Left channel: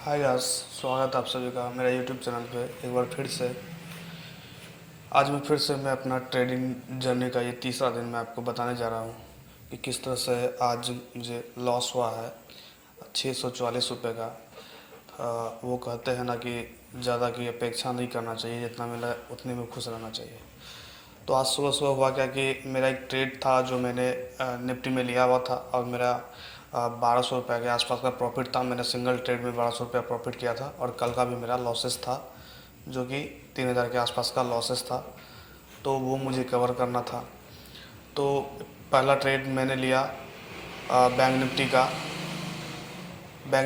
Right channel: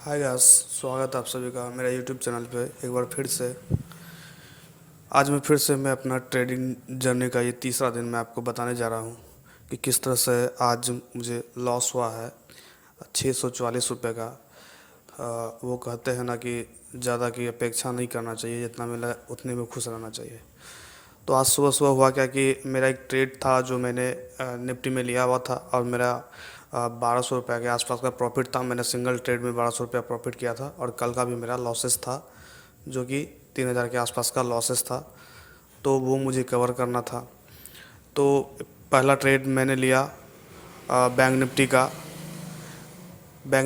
Hi guys, स्वागत है आप सभी का मेरा यूट्यूब चैनल पे एक बार फिर से। आज मैं अपना ट्रेडिंग जर्नी का ये तीसरा दिन मैं आपको बताने जा रहा हूँ कि किस तरह से आज मुझे लॉस हुआ है 644 रुपये का। वो कहते हैं ना कि ज़्यादा की अपेक्षा नहीं करना चाहिए, जितना मिला उतने में खुश रहना चाहिए। तो आज सुबह सुबह हुआ क्या कि मेरा एक ट्रेड था जो मैंने निफ्टी में लिया हुआ था और मेरा 1200 रुपये के आसपास का प्रॉफिट था। मैंने सिंगल ट्रेड में 1200 रुपया प्रॉफिट किया था और कल का भी मेरा लॉसेस था जो कि 3000 के आसपास का लॉसेस था। तो वो मुझे कवर करना था। तो पहला ट्रेड मैंने लिया बैंक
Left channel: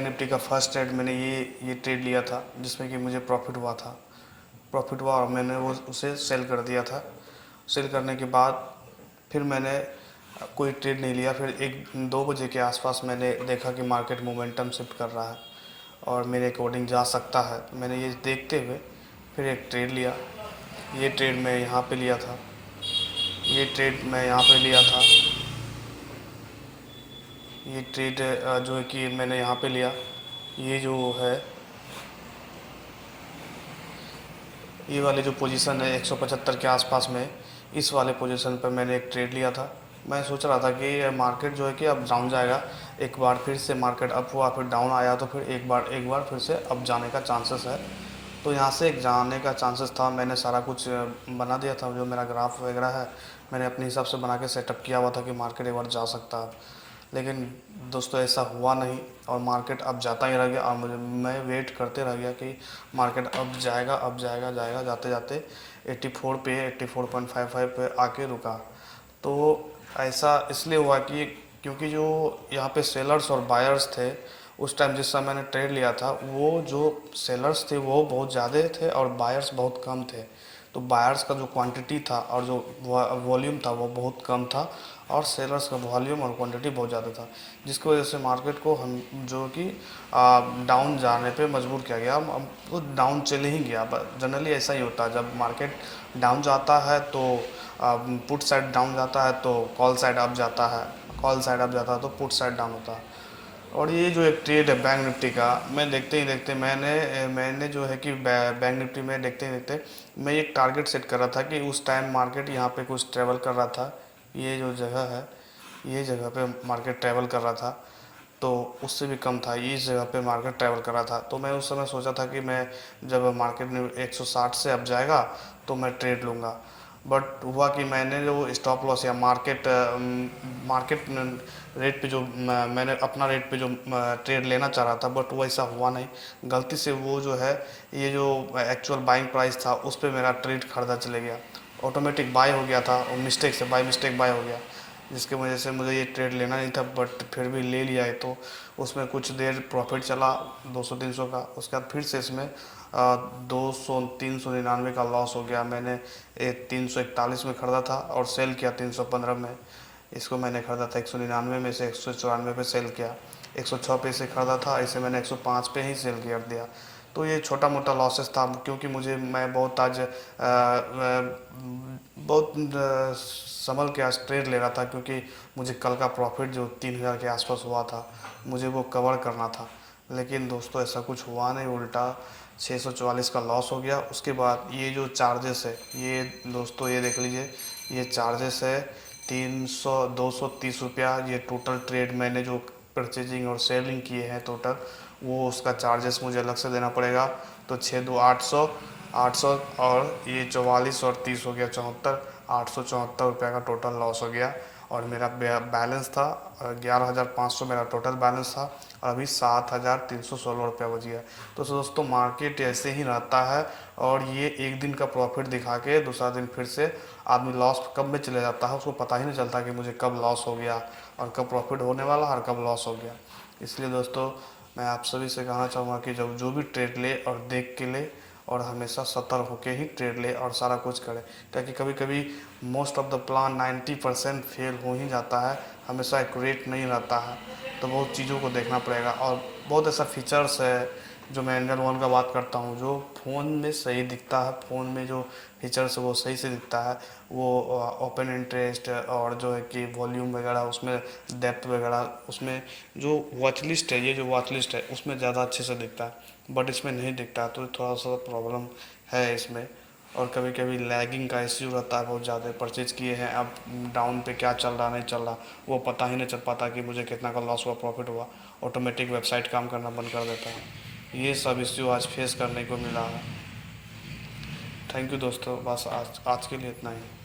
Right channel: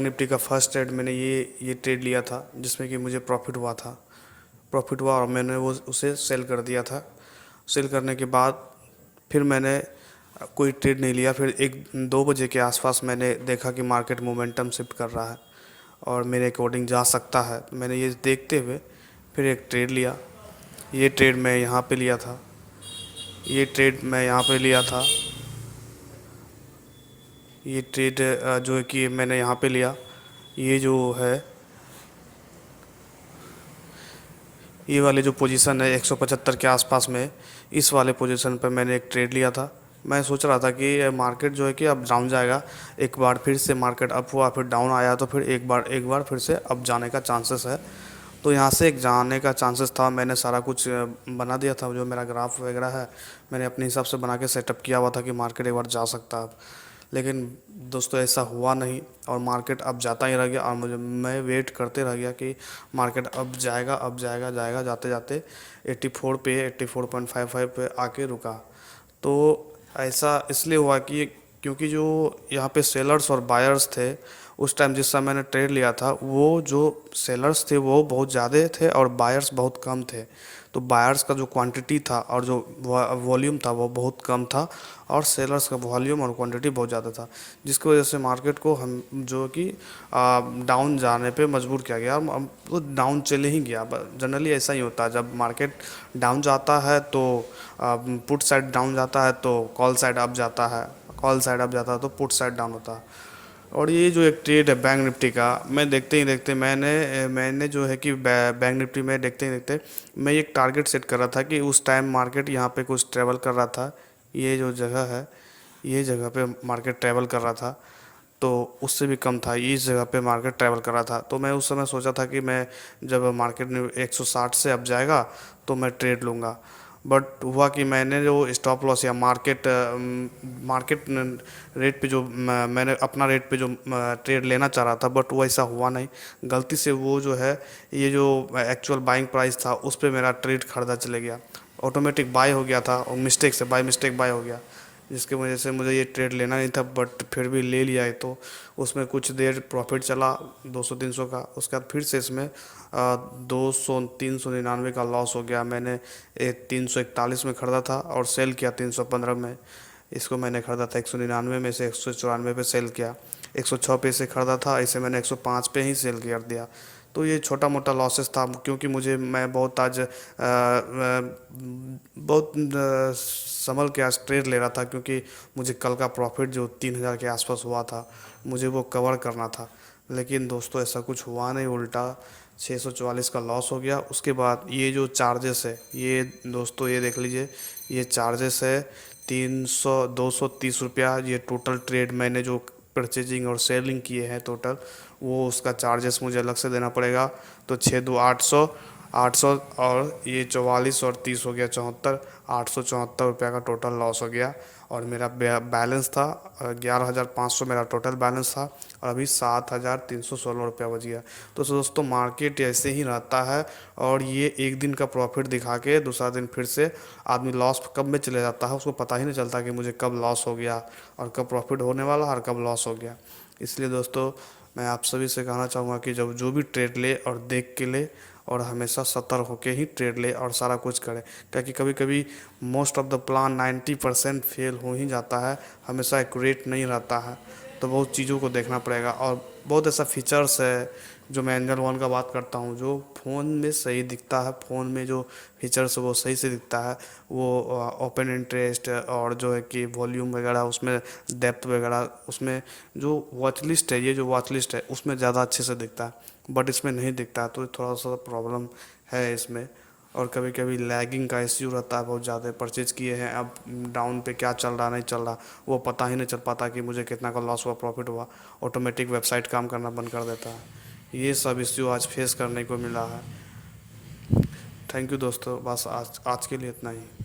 निफ्टी का फर्स्ट ट्रेड मैंने ये ट्रेड लिया था जिसमें कि मुझे प्रॉफिट हुआ और मैंने वो उसे सेल कर दिया था। सेल करने के बाद फिर मैंने कोई ट्रेड नहीं लिया। फिर 1-2 बजे के आसपास मैंने देखा कि मार्केट मोमेंटम शिफ्ट कर रहा है और मेरे अकॉर्डिंग जा सकता है। मैंने ये देखते हुए फिर एक ट्रेड लिया। ये ट्रेड मैं यहाँ पे लिया था ये ट्रेड मैं यहाँ पे लिया था ये ट्रेड जो है कि मैंने यहाँ पे लिया। ये जो है ये वाली जो पोजीशन है 175 के आसपास में, इस वाले पोजीशन पर मैंने एक ट्रेड लिया था। मैं सोच रहा था कि ये मार्केट जो है कि अब डाउन जाएगा। एक बार फिर से मार्केट अप हुआ, फिर डाउन आया, तो फिर एक बार फिर से अप जाने का चांसेस है। तो यहाँ से एक जाने का चांसेस था। मैंने सारा कुछ बना दिया था, जो मेरा ग्राफ वगैरह है मैंने अपने हिसाब से बना के सेटअप किया हुआ था कि मार्केट एक बार जा सकता है। लेकिन दोस्तों ऐसा हुआ नहीं और मार्केट अब जाता ही रह गया और मैं वेट करते रह गया कि मार्केट अब जाएगा जाएगा, जाते जाते 84 पे 84.55 पे आके रुका। तो ऐसा इसलिए हुआ कि क्योंकि जो यहाँ पे सेलर्स और बायर्स थे उस टाइम जिस समय मैंने ट्रेड लिया था, वो जो सेलर्स थे वो बहुत ज़्यादा थे और बायर्स बहुत कम थे। तो बायर्स का जो क्वांटिटी था और जो वॉल्यूम था वो बहुत कम था और सेलर्स का वॉल्यूम और क्वांटिटी बहुत ज़्यादा था, जिसकी वजह से मार्केट को हम जो कि डाउन जाने पे मजबूर किया गया। वो डाउन चले ही गया। जनरली ऐसा ही होता है, जब मार्केट डाउन जाता है तो पुट साइड डाउन जाता है तो कॉल साइड अप जाता है, कॉल साइड अप जाता है तो पुट साइड डाउन होता है। और ये जो एक ट्रेड है बैंक निफ्टी का, मैं देखते ही देखते मैंने जो है कि बैंक निफ्टी में देखते ही देखते मैं एक टारगेट सेट कर रहा था कि उस टाइम मार्केट यहाँ पे कुछ ट्रेवल कर रहा था। ये जो जगह है, ये जगह पे मार्केट ट्रैवल कर रहा था, तो उससे भी कम था। इस जगह पे मार्केट ट्रैवल कर रहा था। तो मैं उस समय सोचा था कि मैं जब मार्केट में 160 से अब जाएगा तो मैं ट्रेड लूँगा। बट हुआ कि मैंने जो स्टॉप लॉस या मार्केट रेट पे जो मैंने अपना रेट पे जो ट्रेड लेना चाह रहा था, बट वो ऐसा हुआ नहीं। गलती से वो जो है ये जो एक्चुअल बाइंग प्राइस था उस पर मेरा ट्रेड खरीदा चले गया। ऑटोमेटिक बाय हो गया था और मिस्टेक बाय हो गया, जिसकी वजह से मुझे ये ट्रेड लेना नहीं था, बट फिर भी ले लिया है। तो उसमें कुछ देर प्रॉफिट चला 200-300 का। उसके बाद फिर से इसमें 200-399 का लॉस हो गया। मैंने 341 में ख़रीदा था और सेल किया 315 में। इसको मैंने ख़रीदा था 199 में से 194 पे सेल किया। 106 पे से ख़रीदा था, इसे मैंने 105 पे ही सेल कर दिया। तो ये छोटा मोटा लॉसेस था, क्योंकि मैं बहुत आज बहुत संभल के आज ट्रेड ले रहा था, क्योंकि मुझे कल का प्रॉफिट जो 3000 के आसपास हुआ था मुझे वो कवर करना था। लेकिन दोस्तों ऐसा कुछ हुआ नहीं, उल्टा 644 का लॉस हो गया। उसके बाद ये जो चार्जेस है, ये दोस्तों ये देख लीजिए, ये चार्जेस है 230 रुपया। ये टोटल ट्रेड मैंने जो परचेजिंग और सेलिंग किए हैं टोटल, वो उसका चार्जेस मुझे अलग से देना पड़ेगा। तो 6 2 800, 800 और ये 44 और 30 हो गया 74, 874 रुपया का टोटल लॉस हो गया। और मेरा बैलेंस था 11,500 मेरा टोटल बैलेंस था और अभी 7,316 रुपया बच गया। तो दोस्तों मार्केट ऐसे ही रहता है और ये एक दिन का प्रॉफिट दिखा के दूसरा दिन फिर से आदमी लॉस कब में चले जाता है, उसको पता ही नहीं चलता कि मुझे कब लॉस हो गया और कब प्रॉफिट होने वाला और कब लॉस हो गया। इसलिए दोस्तों मैं आप सभी से कहना चाहूँगा कि जब जो भी ट्रेड ले और देख के ले और हमेशा सतर्क होकर ही ट्रेड ले और सारा कुछ करे, ताकि कभी कभी most of the plan 90% fail हो ही जाता है, हमेशा एक्यूरेट नहीं रहता है। तो बहुत चीज़ों को देखना पड़ेगा और बहुत ऐसा फीचर्स है जो मैं एंड्रॉयड फ़ोन का बात करता हूँ, जो फ़ोन में सही दिखता है, फ़ोन में जो फीचर्स वो सही से दिखता है, वो ओपन इंटरेस्ट और जो है कि वॉल्यूम वगैरह उसमें, डेप्थ वगैरह उसमें, जो वॉच लिस्ट है, ये जो वॉच लिस्ट है उसमें ज़्यादा अच्छे से दिखता है, बट इसमें नहीं दिखता है, तो थोड़ा सा प्रॉब्लम है इसमें। और कभी कभी लैगिंग का इश्यू रहता है बहुत ज़्यादा, परचेज किए हैं अब डाउन पे क्या चल रहा नहीं चल रहा, वो पता ही नहीं चल पाता कि मुझे कितना का लॉस हुआ प्रॉफिट हुआ, ऑटोमेटिक वेबसाइट काम करना बंद कर देता है। ये सब इश्यू आज फेस करने को मिला है। थैंक यू दोस्तों, बस आज आज के लिए इतना ही।